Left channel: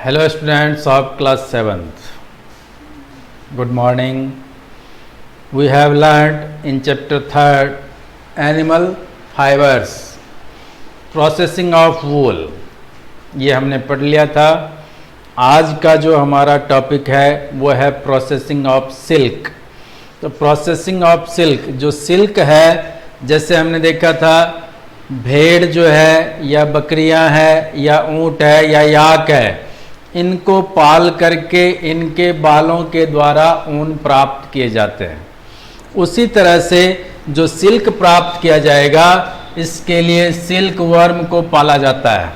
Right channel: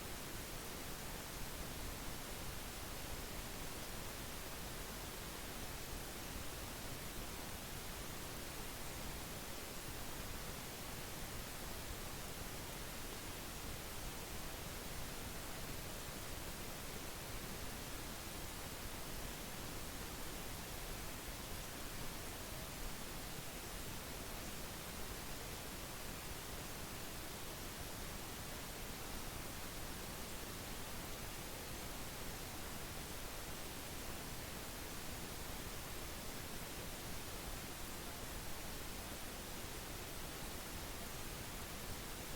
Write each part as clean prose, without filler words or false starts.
Hello students of class 7th. Good morning. We have learned in chapter 3rd animal fibers processing of wool. ये हमने पढ़ लिया था। आज का जो हमारा टॉपिक है वो है प्रोसेसिंग ऑफ सिल्क। तो प्रोसेसिंग ऑफ सिल्क, जो सिल्क है, जैसे हमने देखा था भेड़ जो है या बकरियां है या ऊंट है या याक है, इनको पाल करके इनके बालों के द्वारा ऊन प्राप्त किए जाते हैं। उसी तरह से जो सिल्क प्राप्त किया जाएगा, इसके लिए सिल्क वर्म को पाला जाता है,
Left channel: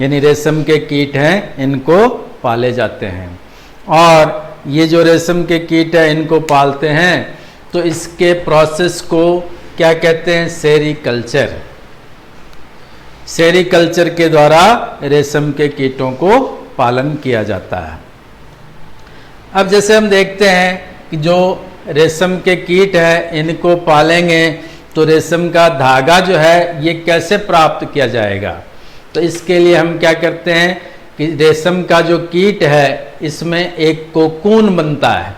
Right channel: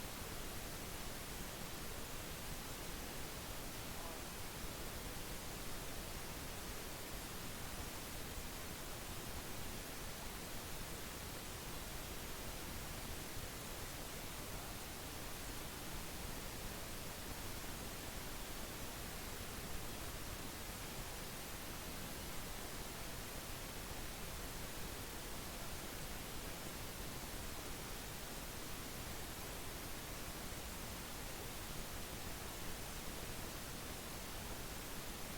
यानी रेशम के कीट हैं, इनको पाले जाते हैं। और ये जो रेशम के कीट है इनको पालते हैं, तो इसके प्रोसेस को क्या कहते हैं? सेरीकल्चर। सेरीकल्चर के द्वारा रेशम के कीटों को पालन किया जाता है। अब जैसे हम देखते हैं कि जो रेशम के कीट है इनको पालेंगे तो रेशम का धागा जो है ये कैसे प्राप्त किया जाएगा। तो इसके लिए हम क्या करते हैं कि रेशम का जो कीट है इसमें एक कोकून बनता है।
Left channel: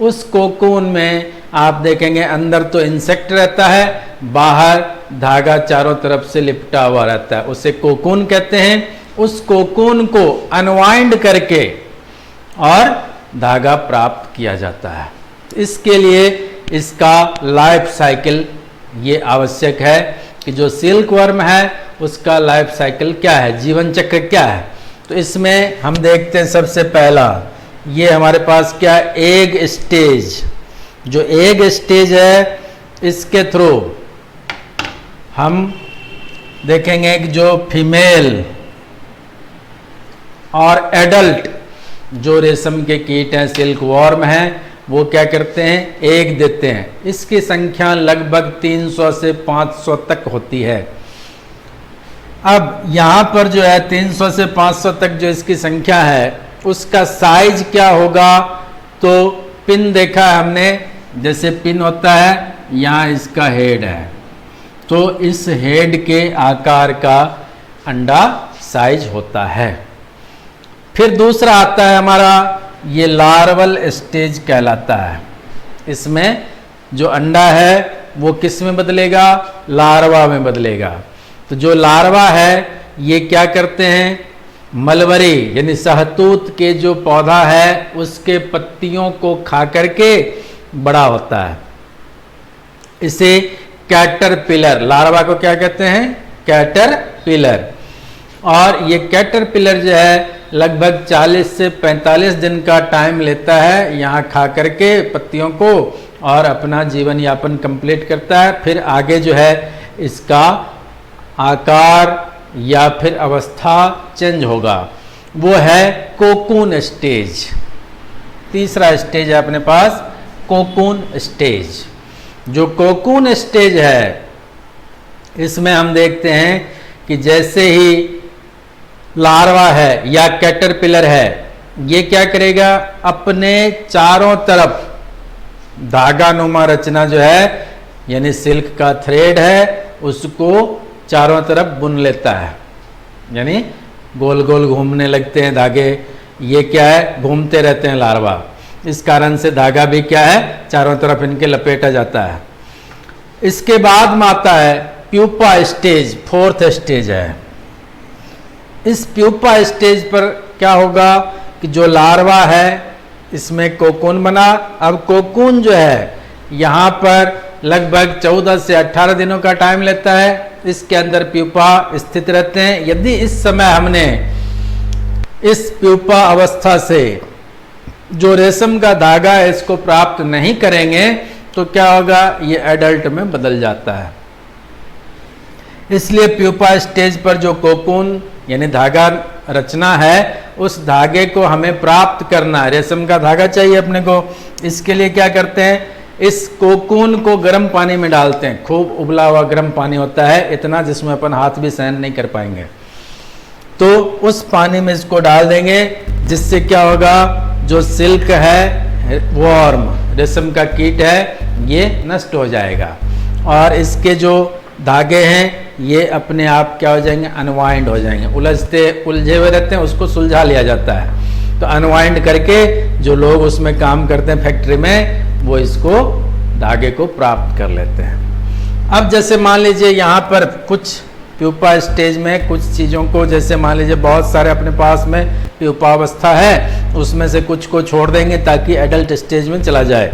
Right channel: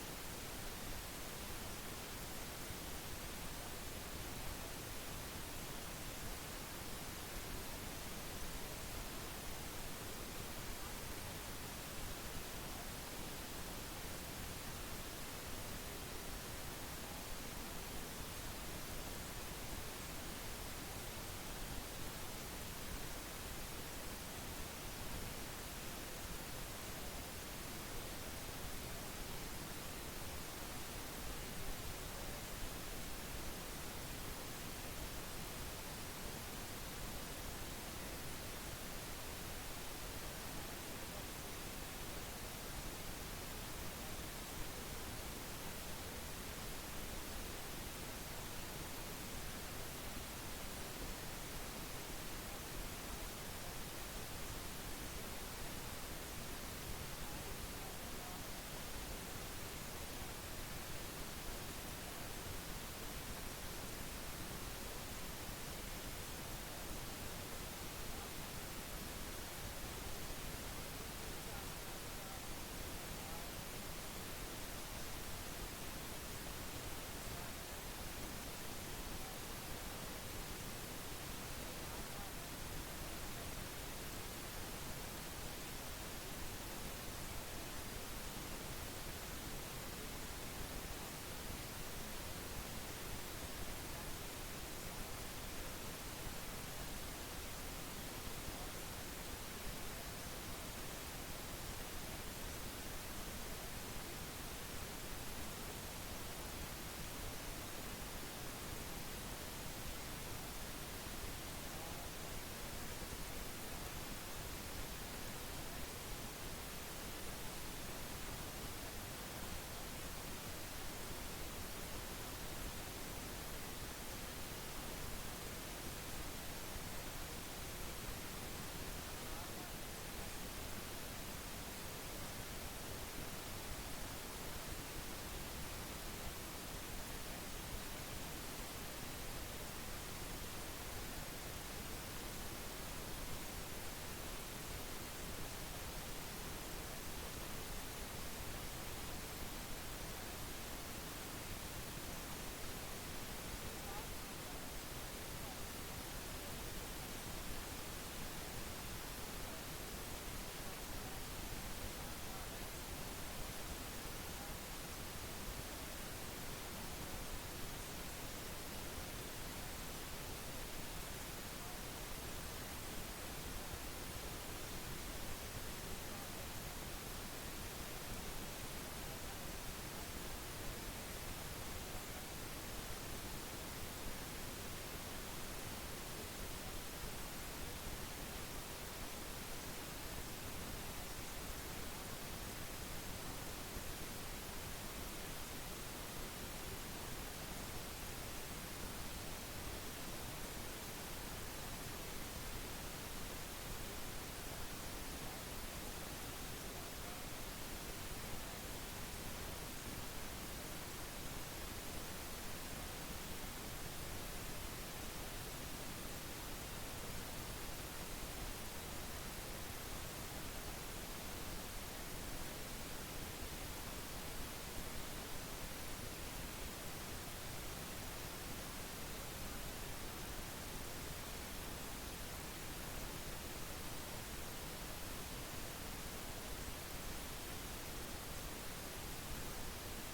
उस कोकून में आप देखेंगे अंदर तो इंसेक्ट रहता है, बाहर धागा चारों तरफ से लिपटा हुआ रहता है, उसे कोकून कहते हैं। उस कोकून को अनवाइंड करके और धागा प्राप्त किया जाता है। इसके लिए इसका लाइफ साइकिल ये आवश्यक है कि जो सिल्क वर्म है उसका लाइफ साइकिल क्या है, जीवन चक्र क्या है। तो इसमें हम देखते हैं सबसे पहला ये हमारे पास क्या, एग स्टेज। जो एग स्टेज है इसके थ्रू हम देखेंगे कि जो फीमेल और एडल्ट जो रेशम के कीट हैं, सिल्क वॉर्म हैं, वो क्या करते हैं, एग देते हैं। इसकी संख्या लगभग 300 से 500 तक होती है। अब यहाँ पर जो है 300 से 500 तक जो इसकी संख्या है, उसका साइज क्या होगा? तो पिन देखा है हमने, जैसे पिन होता है, यहाँ इसका हेड है, तो इस हेड के आकार का अंडा साइज होता है। फिर दूसरा आता है हमारा ये लार्वल स्टेज कहलाता है। इसमें जो अंडा है वो किस में बदलेगा? लार्वा में बदलेगा। तो जो लार्वा है ये क्या करते हैं, मलबरी यानी सहतूत के जो पौधा है उसके पत्तियों को खा करके बड़ा होता है। इसे कैटरपिलर, लार्वा को क्या कहते हैं? कैटरपिलर। और ये कैटरपिलर जो है लगभग 40 से 45 दिन का टाइम लेता है यहाँ खा करके पत्तियों को, और अपना जीवन यापन कंप्लीट करता है। फिर आगे जो है इसका आकार या फिर अवस्था चेंज होगा, वो है कोकून स्टेज। तीसरा स्टेज है अपने पास कोकून स्टेज। जो कोकून स्टेज है इसमें हम देखते हैं कि जैसे ही लार्वा है या कैटरपिलर है, ये क्या करेगा, अपने चारों तरफ धागा नुमा रचना जो है यानी सिल्क का थ्रेड है उसको चारों तरफ बुन लेता है, यानी गोल गोल घूमने लगते हैं धागे। ये क्या है, घूमते रहते हैं लार्वा, इस कारण से धागा भी क्या है, चारों तरफ इनके लपेटा जाता है। इसके बाद में आता है प्यूपा स्टेज, फोर्थ स्टेज है। इस प्यूपा स्टेज पर क्या होगा कि जो लार्वा है इसमें कोकून बना। अब कोकून जो है यहाँ पर लगभग 14 से 18 दिनों का टाइम लेता है। इसके अंदर प्यूपा स्थित रहते हैं। यदि इस समय हमने इस प्यूपा अवस्था से जो रेशम का धागा है इसको प्राप्त नहीं करेंगे तो क्या होगा, ये एडल्ट में बदल जाता है। इसलिए प्यूपा स्टेज पर जो कोकून यानी धागा रचना है उस धागे को हमें प्राप्त करना है। रेशम का धागा चाहिए अपने को। इसके लिए क्या करते हैं, इस कोकून को गर्म पानी में डालते हैं। खूब उबला हुआ गर्म पानी होता है, इतना जिसमें अपन हाथ भी सहन नहीं कर पाएंगे। तो उस पानी में इसको डाल देंगे, जिससे क्या होगा, जो सिल्क है वॉर्म रेशम का कीट है ये नष्ट हो जाएगा। और इसके जो धागे हैं ये अपने आप क्या हो जाएंगे, अनवाइंड हो जाएंगे, उलझे हुए रहते हैं, उसको सुलझा लिया जाता है। तो अनवाइंड करके जो लोग उसमें काम करते हैं फैक्ट्री में, वो इसको धागे को प्राप्त कर लेते हैं। अब जैसे मान लीजिए यहाँ पर कुछ प्यूपा स्टेज में कुछ चीज़ों को, जैसे मान लीजिए बहुत सारे अपने पास में प्यूपावस्था है, उसमें से कुछ को छोड़ देंगे ताकि एडल्ट स्टेज में चला जाए।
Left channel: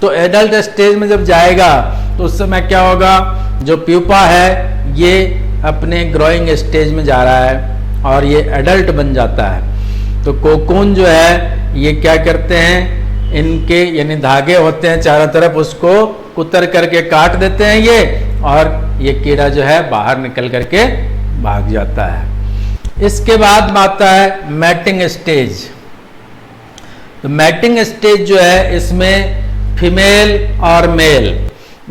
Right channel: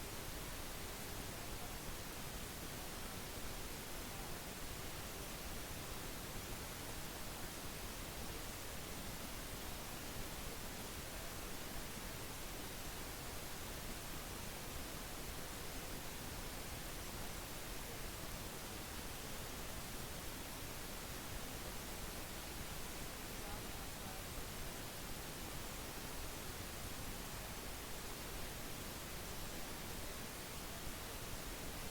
तो एडल्ट स्टेज में जब जाएगा तो उस समय क्या होगा, जो प्यूपा है ये अपने ग्रोइंग स्टेज में जा रहा है और ये एडल्ट बन जाता है। तो कोकून जो है ये क्या करते हैं, इनके यानी धागे होते हैं चारों तरफ, उसको कुतर करके काट देते हैं ये, और ये कीड़ा जो है बाहर निकल करके भाग जाता है। इसके बाद आता है मैटिंग स्टेज। तो मैटिंग स्टेज जो है इसमें फीमेल और मेल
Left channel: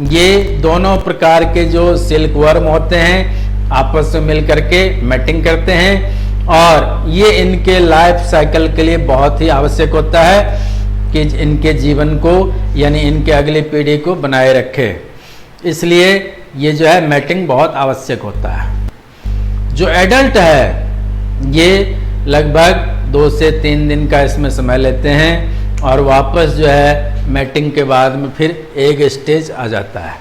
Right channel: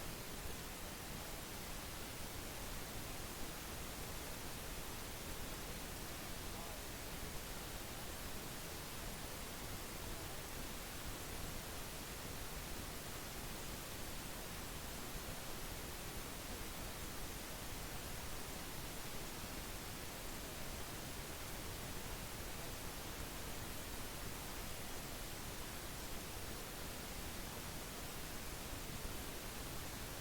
ये दोनों प्रकार के जो सिल्क वर्म होते हैं आपस में मिल करके मैटिंग करते हैं, और ये इनके लाइफ साइकिल के लिए बहुत ही आवश्यक होता है कि इनके जीवन को यानी इनके अगली पीढ़ी को बनाए रखे। इसलिए ये जो है मैटिंग बहुत आवश्यक होता है। जो एडल्ट है ये लगभग 2 से 3 दिन का इसमें समय लेते हैं और वापस जो है मैटिंग के बाद में फिर एक स्टेज आ जाता है।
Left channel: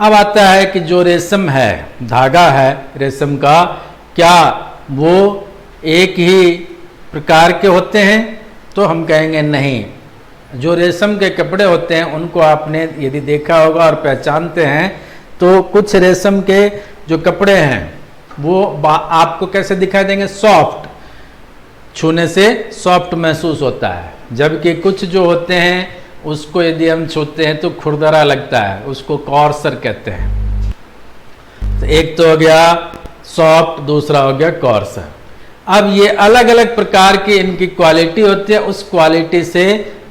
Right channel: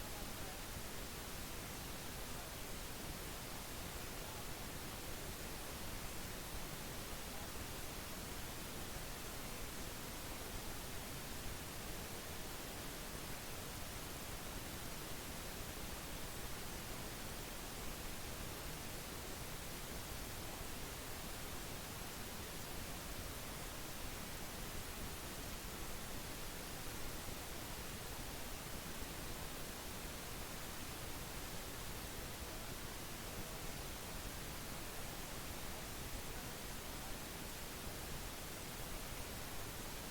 अब आता है कि जो रेशम है, धागा है रेशम का, क्या वो एक ही प्रकार के होते हैं? तो हम कहेंगे नहीं। जो रेशम के कपड़े होते हैं उनको आपने यदि देखा होगा और पहचानते हैं, तो कुछ रेशम के जो कपड़े हैं वो आपको कैसे दिखाई देंगे, सॉफ्ट, छूने से सॉफ्ट महसूस होता है, जबकि कुछ जो होते हैं उसको यदि हम छूते हैं तो खुरदरा लगता है, उसको कॉर्सर कहते हैं। तो एक तो हो गया सॉफ्ट, दूसरा हो गया कॉर्सर। अब ये अलग अलग प्रकार की इनकी क्वालिटी होती है, उस क्वालिटी से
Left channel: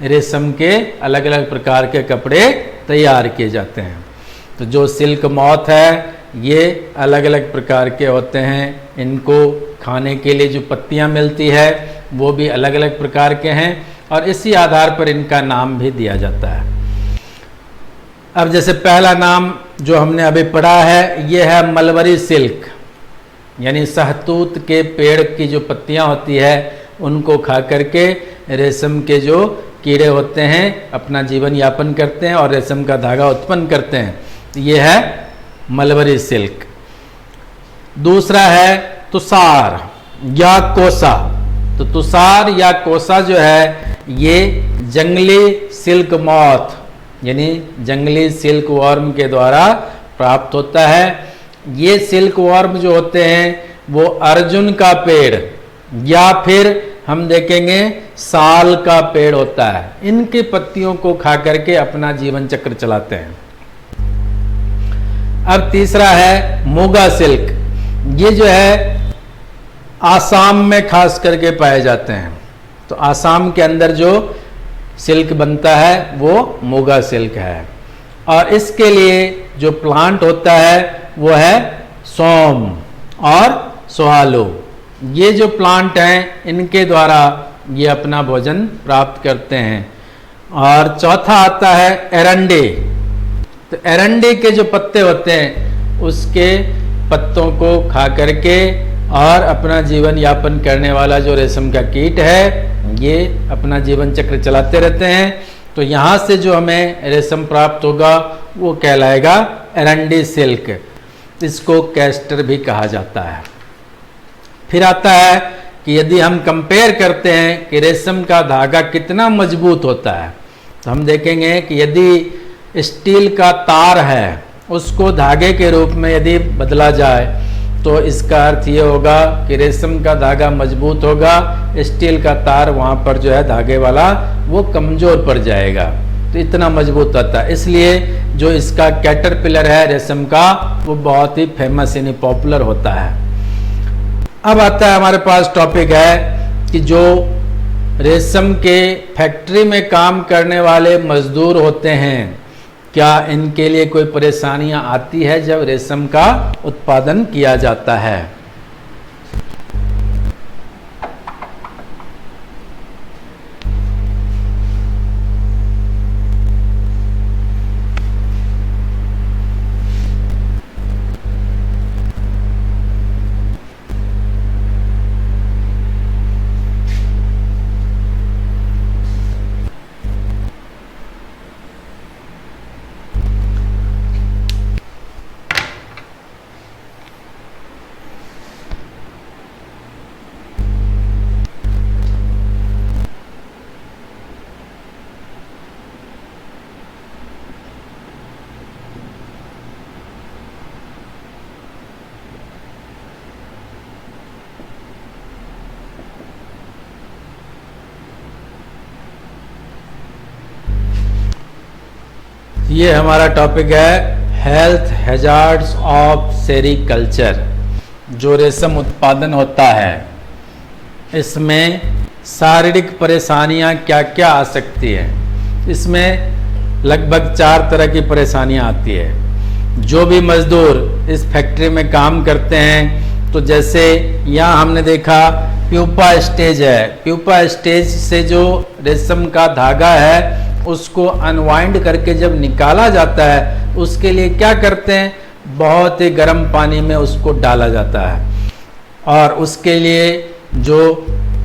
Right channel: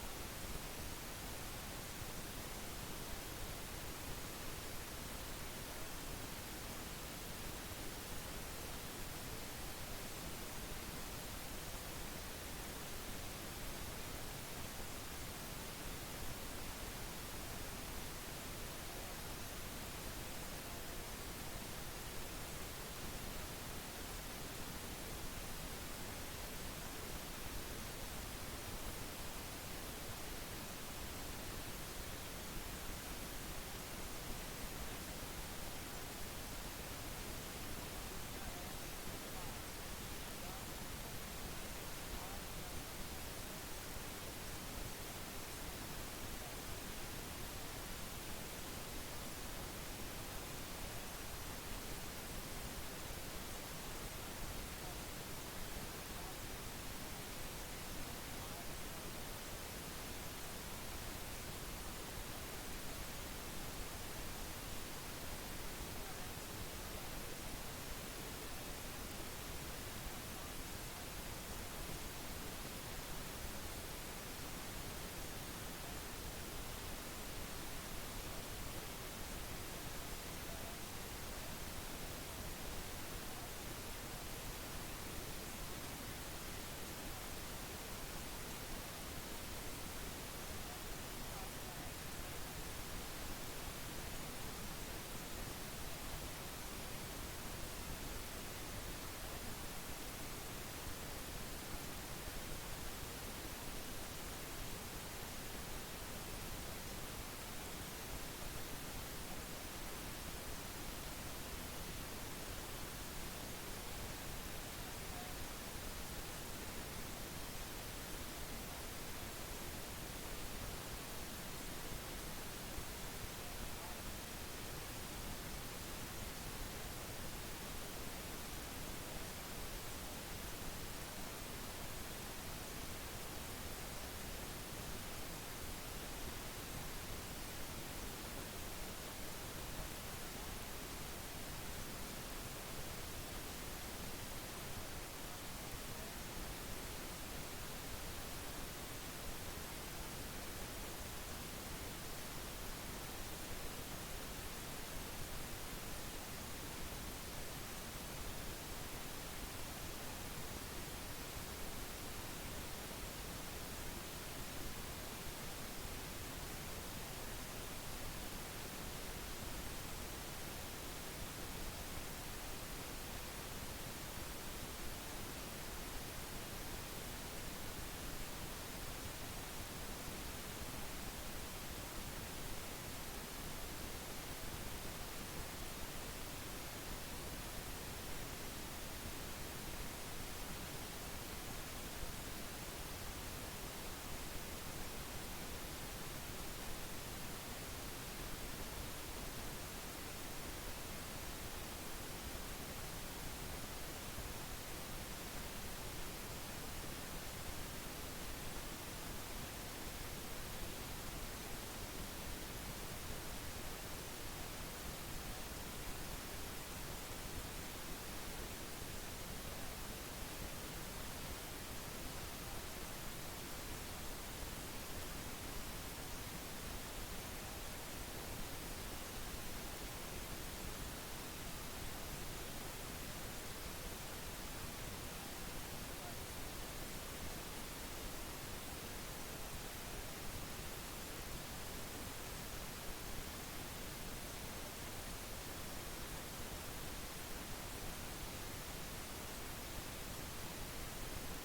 रेशम के अलग अलग प्रकार के कपड़े तैयार किए जाते हैं। तो जो सिल्क मॉथ है ये अलग अलग प्रकार के होते हैं, इनको खाने के लिए जो पत्तियां मिलती है वो भी अलग अलग प्रकार के हैं, और इसी आधार पर इनका नाम भी दिया जाता है। अब जैसे पहला नाम जो हमने अभी पढ़ा है ये है मलबरी सिल्क, यानी सहतूत के पेड़ की जो पत्तियां होती है उनको खा करके रेशम के जो कीड़े होते हैं अपना जीवन यापन करते हैं और रेशम का धागा उत्पन्न करते हैं। तो ये है मलबरी सिल्क। दूसरा है तुषार या कोसा। तो तुषार या कोसा जो है ये जंगली सिल्क मॉथ यानी जंगली सिल्क वर्म के द्वारा प्राप्त होता है। ये सिल्क वर्म जो होते हैं वो अर्जुन का पेड़ या फिर हम देखेंगे साल का पेड़ होता है, इनकी पत्तियों को खा करके अपना जीवन चक्र चलाते हैं। अब तीसरा है मोगा सिल्क। ये जो है आसाम में खास करके पाए जाते हैं। तो आसाम के अंदर जो सिल्क बनता है वो मोगा सिल्क है, और इसके लिए जो प्लांट होता है वो है सोम और सोहालो। ये जो प्लांट हैं इनके द्वारा ये अपना भोजन प्राप्त करते हैं। और चौथा आता है एरंडे। तो एरंडे के जो पत्ते होते हैं उसके पत्तों को खा करके और अपना जीवन यापन करने वाला जो रेशम का कीट है ये अपना जीवन चक्र चलाते रहते हैं। तो यहाँ से जो हमें रेशम प्राप्त होगा वो कहलाएगा एरंडी सिल्क। इसको कैस्टर भी कहा जाता है। फिर आता है कि यदि हम कंपेयर करते हैं कि रेशम का धागा कितना मजबूत होता है, तो हम देखेंगे कि यदि स्टील का तार है उसको धागे के रूप में यदि बदला जाए तो इसका अर्थ ये होगा कि रेशम का धागा मजबूत होगा, स्टील का तार वहाँ पर जो है धागे वाला वो कमजोर पड़ जाएगा। तो इतना मजबूत होता है, इसलिए जो इसका कैटरपिलर है रेशम का वो बहुत ही फेमस यानी पॉपुलर होता है। अब आता है हमारे पास टॉपिक है कि जो रेशम के फैक्ट्री में काम करने वाले मजदूर होते हैं क्या इनके लिए कोई परेशानियां आती है जब रेशम का उत्पादन किया जाता है। ये हमारा टॉपिक है हेल्थ हैजार्ड्स ऑफ सेरीकल्चर। जो रेशम उत्पादन होता है इसमें शारीरिक परेशानियां क्या क्या आ सकती है। इसमें लगभग 4 तरह की परेशानियां आती है। जो भी मजदूर इस फैक्ट्री में काम करते हैं, तो जैसे यहाँ हमने देखा प्यूपा स्टेज है। प्यूपा स्टेज से जो रेशम का धागा है उसको अनवाइंड करके जब निकाला जाता है, उसके लिए क्या करते हैं, बहुत ही गर्म पानी में उसको डाला जाता है। और उसके लिए जो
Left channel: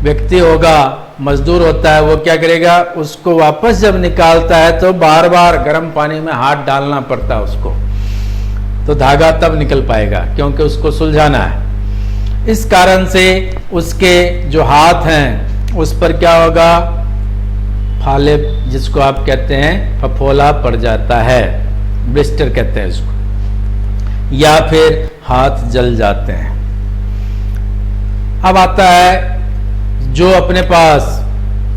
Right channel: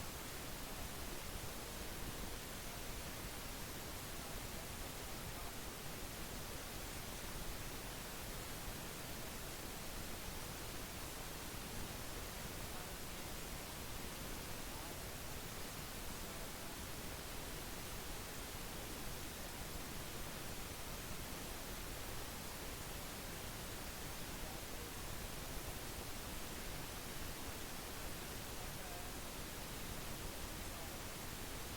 व्यक्ति होगा, मजदूर होता है, वो क्या करेगा, उसको वापस जब निकालता है तो बार बार गर्म पानी में हाथ डालना पड़ता है उसको, तो धागा तब निकल पाएगा, क्योंकि उसको सुलझाना है। इस कारण से उसके जो हाथ हैं उस पर क्या होगा, फाले, जिसको आप कहते हैं फफोला पड़ जाता है, ब्लिस्टर कहते हैं इसको, या फिर हाथ जल जाते हैं। अब आता है जो अपने पास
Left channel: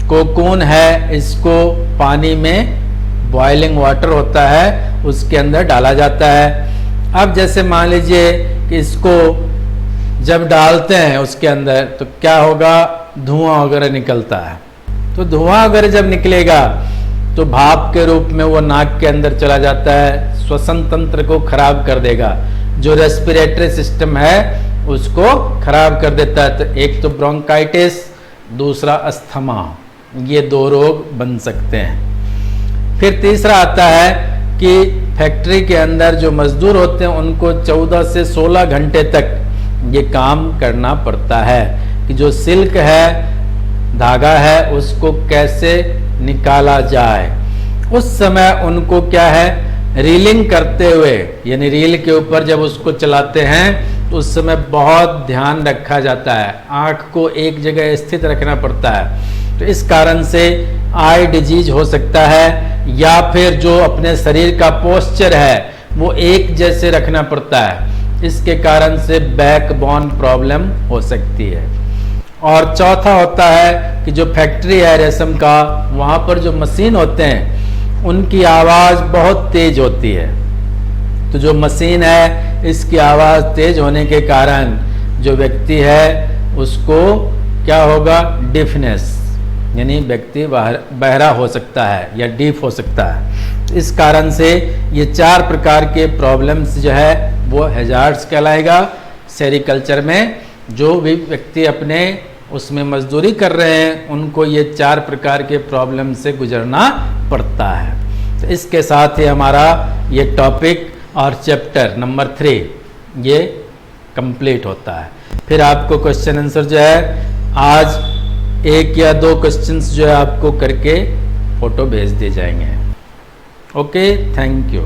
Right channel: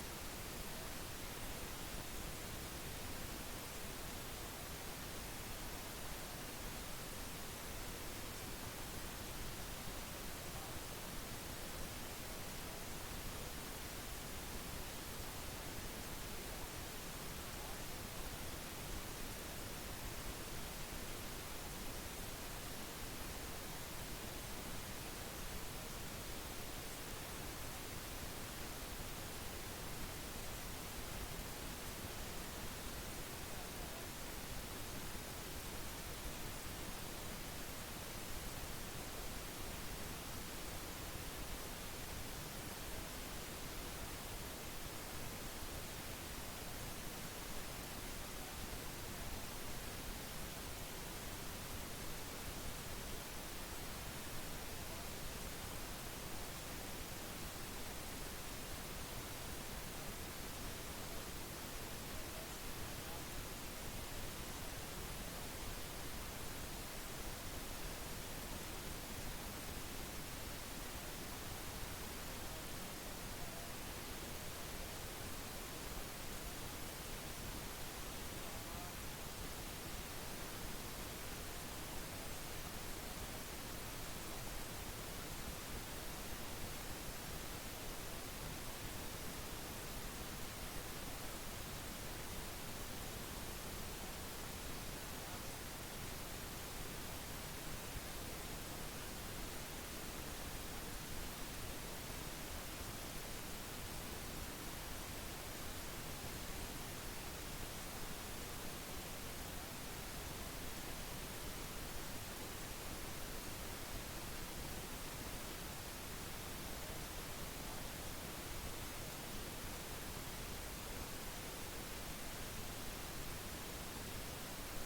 कोकून है, इसको पानी में बॉइलिंग वाटर होता है उसके अंदर डाला जाता है। अब जैसे मान लीजिए कि इसको जब डालते हैं उसके अंदर, तो क्या होगा, धुआं वगैरह निकलता है। तो धुआं वगैरह जब निकलेगा तो भाप के रूप में वो नाक के अंदर चला जाता है, श्वसन तंत्र को खराब कर देगा, जो रेस्पिरेटरी सिस्टम है उसको खराब कर देता है। तो एक तो ब्रोंकाइटिस, दूसरा अस्थमा, ये 2 रोग बन सकते हैं। फिर तीसरा आता है कि फैक्ट्री के अंदर जो मजदूर होते हैं उनको 14 से 16 घंटे तक ये काम करना पड़ता है कि जो सिल्क है, धागा है, उसको कैसे निकाला जाए। उस समय उनको क्या है, रीलिंग करते हुए, यानी रील के ऊपर जब उसको चलाते हैं तो उस समय बहुत ध्यान रखा जाता है, आंख को एक जगह स्थित रखना पड़ता है। तो इस कारण से आई डिजीज हो सकता है, या फिर जो अपने शरीर का पोस्चर है वो एक जैसे रखना पड़ता है, इसके कारण से बैक बोन प्रॉब्लम हो सकती है। और चौथा होता है कि जो फैक्ट्री है रेशम का, वहां पर जो मशीन होते हैं उनकी आवाज बहुत तेज होती है। तो जो मशीन है इसकी आवाज तेज होने के कारण जो व्यक्ति है उसको क्या होगा, डिफनेस, यानी व्यक्ति बहरा हो सकता है या डीफ हो सकता है। इस कारण से ये 4 प्रकार के प्रॉब्लम्स जो है वो हैजार्ड्स कहलाएगा। सेरीकल्चर में जो भी व्यक्ति अपने उसमें मजदूरी कर रहे हैं उनको ये 4 प्रकार के प्रॉब्लम से गुजरना पड़ता है। तो इसके साथ ही हमारा ये टॉपिक और चैप्टर नंबर 3 ये कंप्लीट होता है। फिर आपको क्वेश्चन आंसर जो है आज 1 या 2 क्वेश्चंस जो है आपको करके फोटो भेज दिए जाएंगे। Okay, thank you.